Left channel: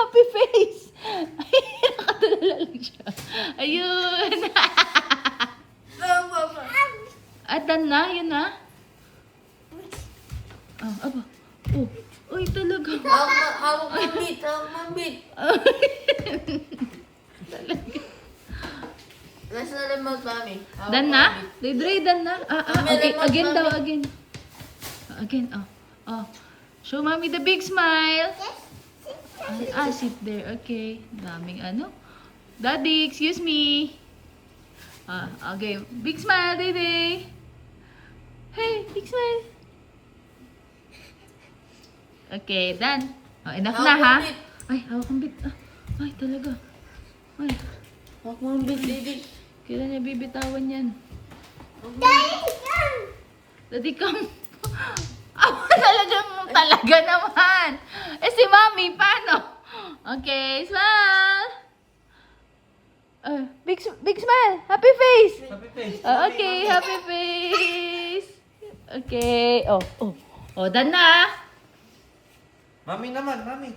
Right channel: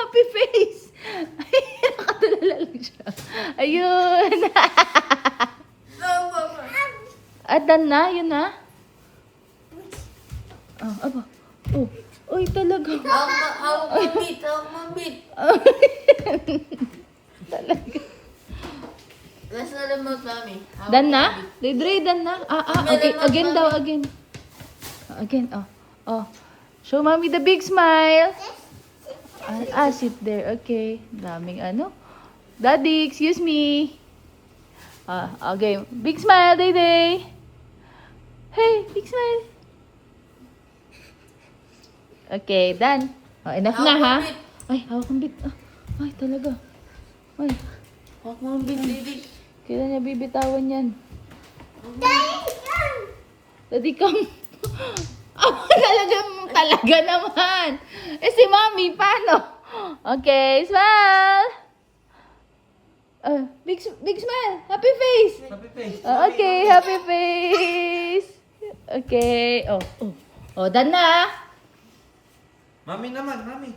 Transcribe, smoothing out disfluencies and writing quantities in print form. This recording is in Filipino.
happy face. Ay, nakatulala lang siya. Ayun. At done na, yun na. Oh, aba. Oh, uy, talaga. Hawak mambit. Talaga. Nasa remote mami. Done na? Dre, done na? Again daw, again. Again, oh. Show mommy the big smile. Sit there, okay. Daming ano. Daddy, excuse me. Okay. Big smile, Day. Hey, big smile. Okay, done. Enough na, ha? Ay, hawak ang bit. Ay, talaga. Ay, Hawak mambit, baby. kailan niya bibitawan yan? Daddy, come. Talaga naman. Si Mommy, paano? Okay, smile. Big smile. Happy face. Happy face. Okay, happy face. Okay. Oh, done na. Mami naman, mami.